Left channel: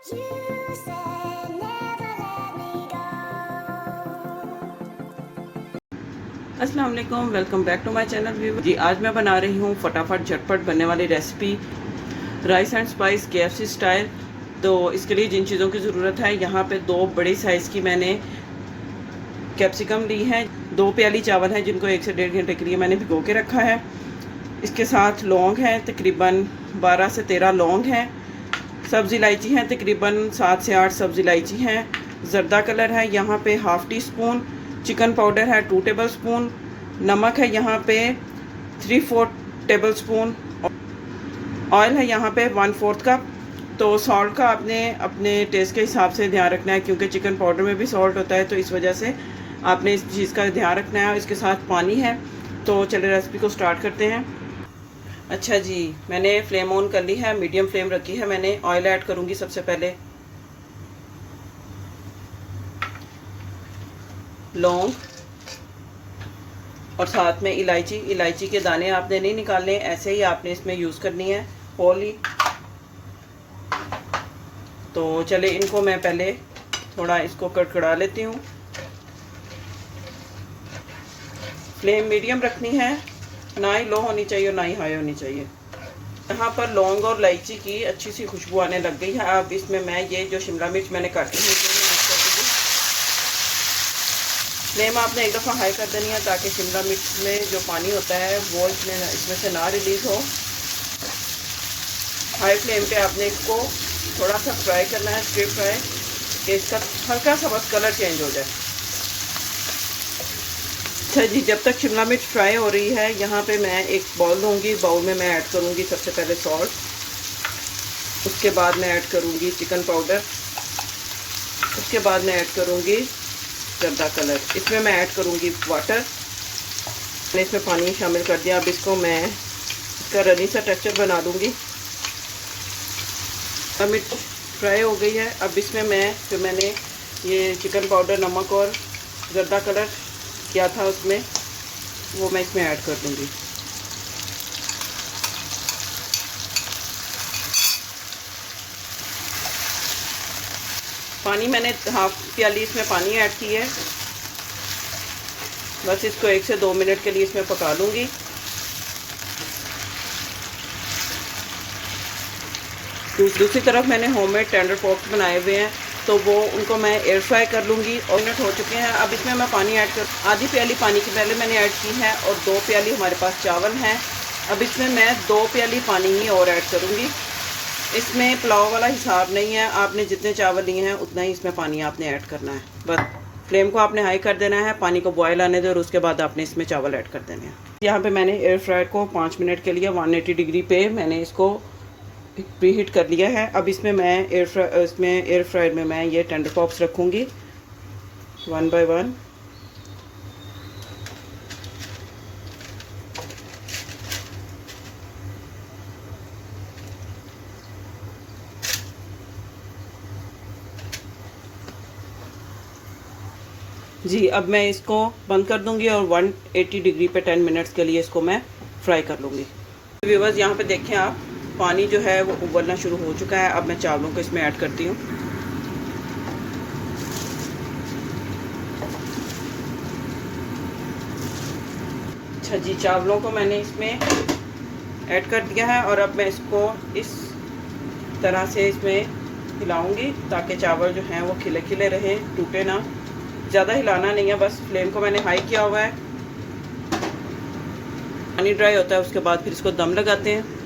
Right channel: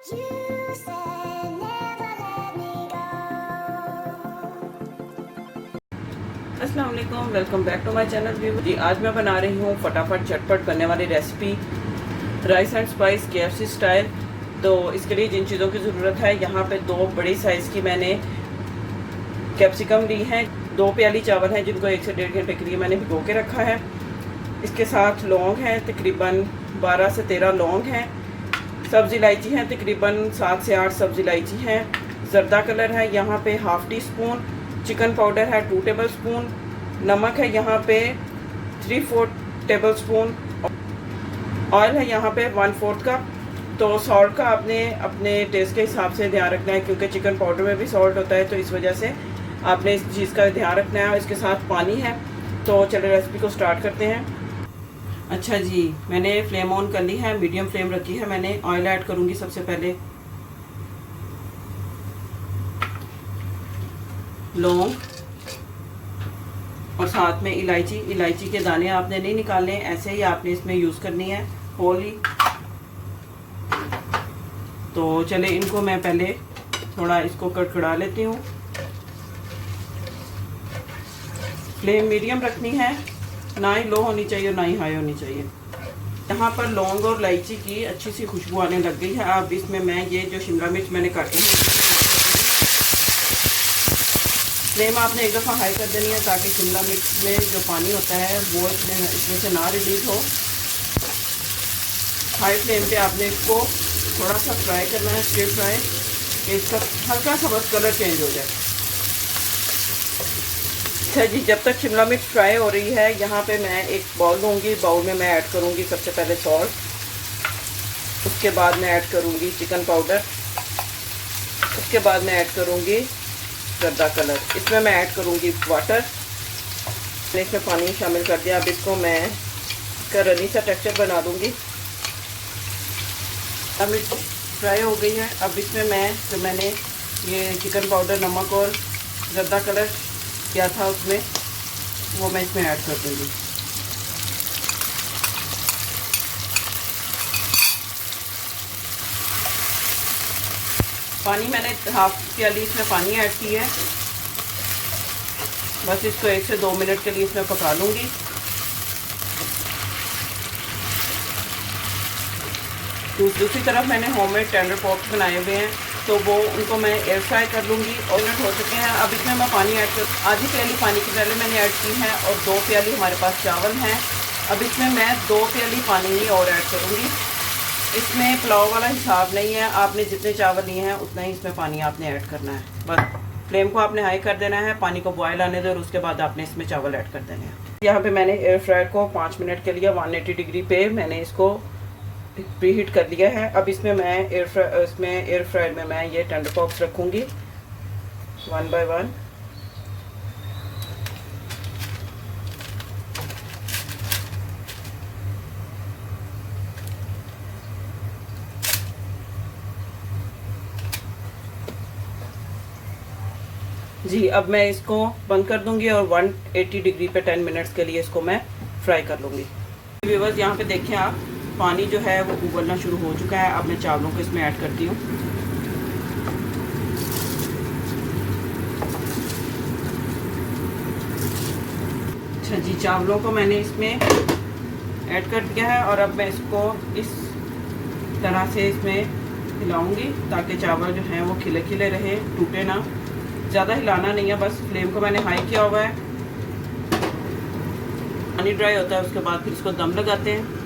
You said never let me go. अस्सलाम वालेकुम, welcome back to my channel viewer जी। आज मैं बना रही हूँ फटाफट झटपट बनने वाली recipe rice and spice KFC style. तो इसके लिए जिन चीज़ों की ज़रूरत है, यहाँ पे 2 बड़ी साइज़ की मैंने कैप्सिकम ली हैं, 2 प्याली चावल हैं जिनको 1 से 1.5 घंटे के लिए मैंने भिगो के रखा है। इसके साथ लौंग हैं, तकरीबन 12 से 13 लौंग हैं। सब्ज़ इलायची हैं, तकरीबन 7 से 8 सब्ज़ इलायची हैं। ज़र्दा कलर है यहाँ पे ½ टी स्पून। चिकन पाउडर है 2 टेबल स्पून। नमक है यहाँ पे 3/4 टेबल स्पून। ऑयल है यहाँ पे 1/4 कप। तो सॉल्ट का आपने अपने टेस्ट के हिसाब से ध्यान रखना है, क्योंकि चिकन पाउडर में भी सॉल्ट होता है, तो इस वजह से आपने इस चीज़ का ध्यान रखना है। इसके साथ पानी है। तो चलिए रेसिपी को स्टार्ट करते हैं। अच्छा जी, मैंने फ्लेम ऑन कर ली है, मीडियम फ्लेम रखी है मैंने। ऑयल ऐड करूँगी सबसे पहले। लौंग और साथ में इलायची। इलायची के दाने आपने नहीं निकालने, ऐसे ही आपने इसमें यूज़ करनी है होल ही। तो चले इनको मैं पहले थोड़ा इसको कड़कड़ा लेती हूँ। फ्लेम मीडियम रखनी है, ना ही लो होनी चाहिए ना ही हाई होनी चाहिए। यहाँ पर लौंग और इलायची की अच्छी सी खुशबू आने लग गई है। अब इसमें मैं ये जो शिमला मिर्च मैंने काटी है, फ्लेम आपने एक दफ़ा हाई कर देनी है, ताकि शिमला मिर्च में जो पानी होता है वो इसमें से ना रिलीज हो। हाई फ्लेम पे आपने इसको थोड़ा सा फ्राई करना है, स्टिर फ्राई, कि इसका हल्का सा बस कलर चेंज हो जाए। अच्छा जी, जब तक शिमला मिर्च फ्राई हो रही है, यहाँ पे मैं एक बाउल लूँगी। बाउल में मैं ऐड करूँगी सबसे पहले सॉल्ट, उसके बाद मैं ऐड करूँगी चिकन पाउडर, उसके बाद मैं ऐड करूँगी ज़र्दा कलर, इसमें मैं ऐड करूँगी वाटर। मैंने इसमें पानी शामिल कर दिया। अब इसको मैं इसका रनी सा टेक्सचर बना दूँगी। अब मिर्च फ्राई हो गई है। अब इसमें मैं जो मैंने ये चिकन पाउडर, नमक और ज़र्दा कलर किया था उसमें, वो मैं इसमें ऐड कर दूँगी। पानी मैंने ½ प्याली इसमें पानी ऐड की है। बस इसको 1 से 2 मिनट के लिए इसमें पका लूँगी। दूसरी तरफ मैंने होममेड टेंडर पॉप्स बनाए हुए हैं, तो वो उनको मैं एयर फ्राई कर लूँगी। और मिनट हो चुके हैं। अब इसमें मैं पानी ऐड कर, आधी प्याली पानी की पहले मैंने ऐड की है, और 2 प्याली हमारे पास चावल हैं। अब इसमें मैं 2 प्याली पानी ही और ऐड करूँगी। इसमें पुलाव वाला हिसाब नहीं है, आपने जितने चावल लिए हैं उतना ही इसमें पानी आपने ऐड करना है। बस फ्लेम को आपने हाई कर देना है, पानी को बॉयल आने दो, और उसके बाद आपने इसमें चावल ऐड कर देने हैं। यहाँ पे मैंने एयर फ्रायर को 5 मिनट के लिए 180 डिग्री पे मैंने इसको प्री हीट कर लिया है। अब इसमें मैं एयर फ्रायर में मैं ये टेंडर पॉप्स रखूँगी 1 बाय 1। जी, अब मैं इसको बंद कर दूंगी और 180 डिग्री पे 10 मिनट्स के लिए इसको मैं फ्राई कर लूँगी। व्यूअर्स, यहाँ पे देखें आप, पानी जो है वो उबलना शुरू हो चुका है। अब मैं चावलों को इसमें ऐड करती हूँ। अच्छा जी, चावलों को मैंने इसमें ऐड कर दिया है, और अब मैं इसको इस तरह से इसमें हिलाऊंगी, ताकि चावल जो हैं वो खिले खिले रहे, टूटे ना। ज़्यादा हिलाना नहीं है, बस फ्लेम को मैंने हाई किया हुआ है। पानी ड्राई होता है, उसके बाद फिर इसको दम लगाते हैं।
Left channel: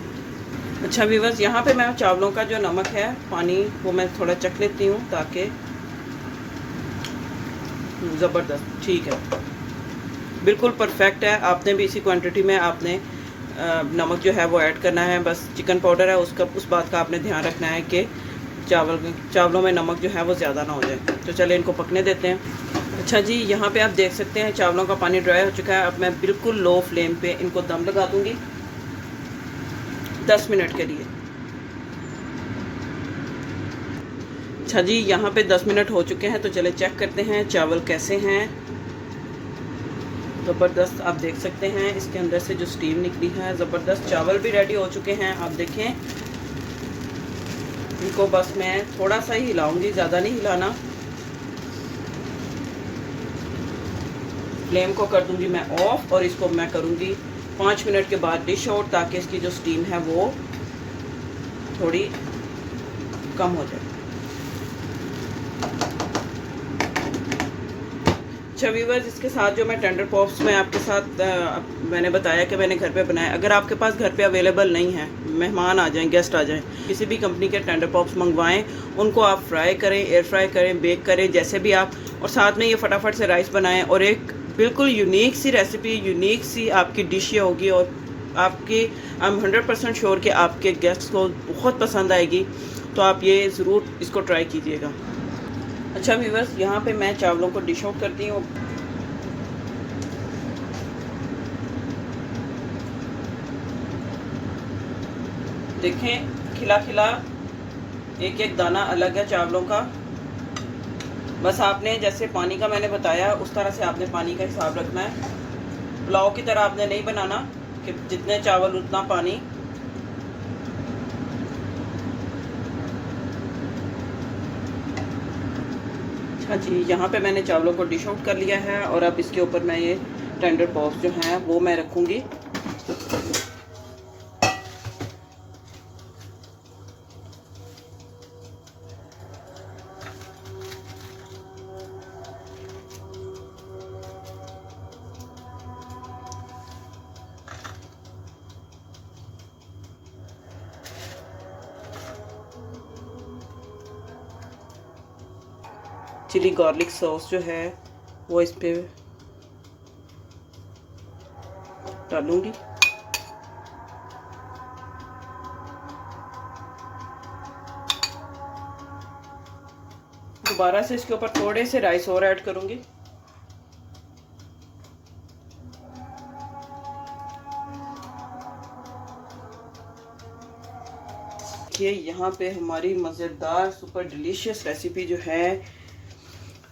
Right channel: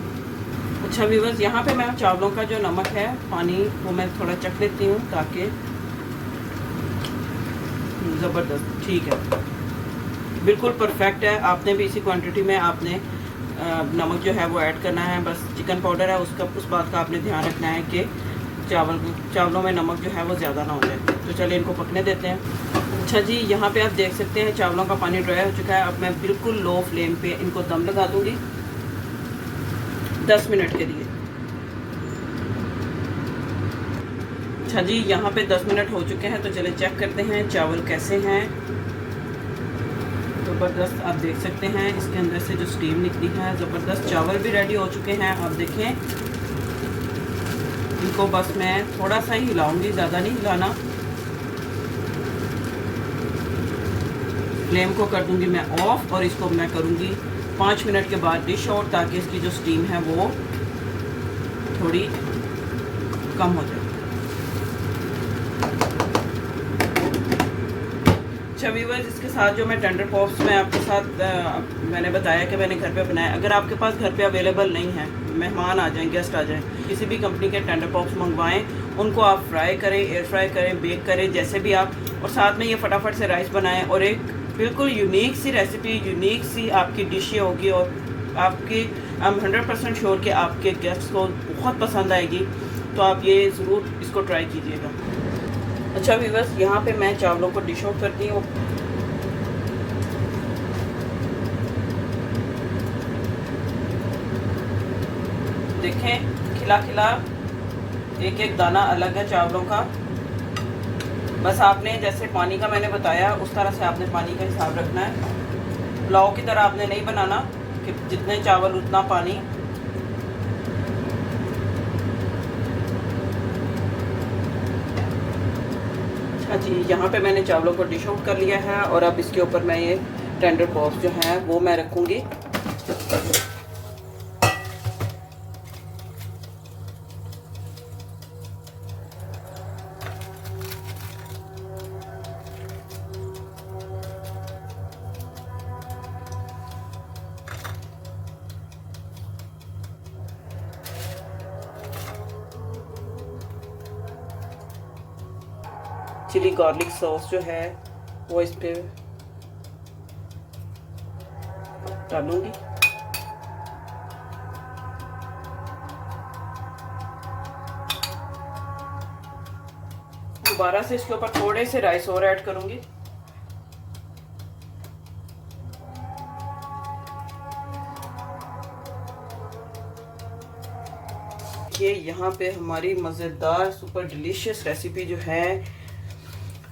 अच्छा व्यूअर्स, यहाँ पे मैं चावलों का जो नमक है, पानी, वो मैं थोड़ा चख लेती हूँ, ताकि ज़बरदस्त ठीक है, बिल्कुल परफेक्ट है। आपने भी इसी क्वांटिटी में आपने नमक जो है वो ऐड करना है। बस चिकन पाउडर है, उस बात का आपने ध्यान रखना है कि चावलों में नमक जो है वो ज़्यादा ना हो जाए। तो चलिए इनको पकने देते हैं। अच्छा जी, यहाँ पे आप देख सकते हैं चावलों का पानी ड्राई हो चुका है। अब मैं बिल्कुल लो फ्लेम पे इनको दम लगा दूँगी 10 मिनट के लिए। अच्छा जी, यहाँ पे 10 मिनट हो चुके हैं, तो चले चेक करते हैं चावल कैसे हैं। ज़बरदस्त, आप देख सकते हैं इसके अंदर से जो स्टीम निकली है, ज़बरदस्त। चावल भी रेडी हो चुके हैं। आप देखें इनको बस मैं थोड़ा सा ही हिलाऊंगी, ज़्यादा नहीं हिलाना। फ्लेम को कर दूंगी मैं ऑफ और इसको मैं करूंगी 5 मिनट के बाद डिश आउट, ताकि इसकी जो स्टीम है वो थोड़ी कम हो जाए। अच्छा व्यूअर्स, इसके साथ जो मैं टेंडर पॉप्स में आपके साथ मैंने बताया कि मैंने घर पे बनाया। अगर आपके पास घर पे अवेलेबल नहीं है, मेहमान आ जाएं, गेस्ट आ जाएं, किसी भी कंपनी के टेंडर पॉप्स मंगवाएं, उनको आप फ्राई करें, एयर फ्राई करें, बेक करें, जैसे भी आप, और साथ में ये फटाफट से राइस बनाएं और एक बिल्कुल यूनिक सी रेसिपी, यूनिक सी आपकी डिश ये होगी और आपकी आई एम 100% श्योर कि आपके गेस्ट को बहुत पसंद आएगी। तो आप ये ज़रूर इसको ट्राई कीजिएगा। अच्छा व्यूअर्स, यहाँ पे मैं चावलों को डिश आउट करती हूँ। देखें खिला खिला एक एक दाना अलग है चावलों का। बस आपने जैसे पानी का मैंने बताया उस तरह से आपने पानी का हिसाब रखना है। पुलाव की तरह आपने नहीं बनाना कि जितने चावल उतना पानी। अच्छा जी, यहाँ पे मैंने चावलों को डिश आउट कर लिया है और अब इसके ऊपर मैं ये टेंडर पॉप्स जो हैं वो मैं रखूँगी। चिली गार्लिक सॉस जो है वो इस पे डालूंगी। दोबारा से इसके ऊपर थोड़े से राइस और ऐड करूंगी। देखिए यहाँ पे हमारी मज़ेदार सुपर डिलीशियस रेसिपी जो है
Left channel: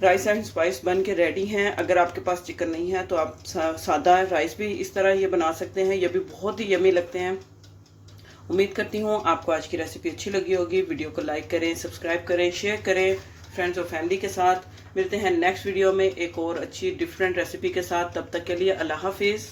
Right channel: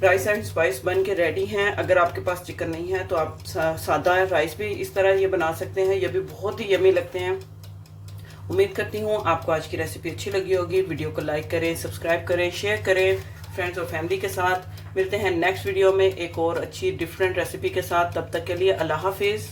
राइस एंड स्पाइस बन के रेडी हैं। अगर आपके पास चिकन नहीं है तो आप सादा राइस भी इस तरह ये बना सकते हैं, ये भी बहुत ही यमी लगते हैं। उम्मीद करती हूँ आपको आज की रेसिपी अच्छी लगी होगी। वीडियो को लाइक करें, सब्सक्राइब करें, शेयर करें फ्रेंड्स और फैमिली के साथ। मिलते हैं नेक्स्ट वीडियो में एक और अच्छी डिफरेंट रेसिपी के साथ। तब तक के लिए अल्लाह हाफिज़।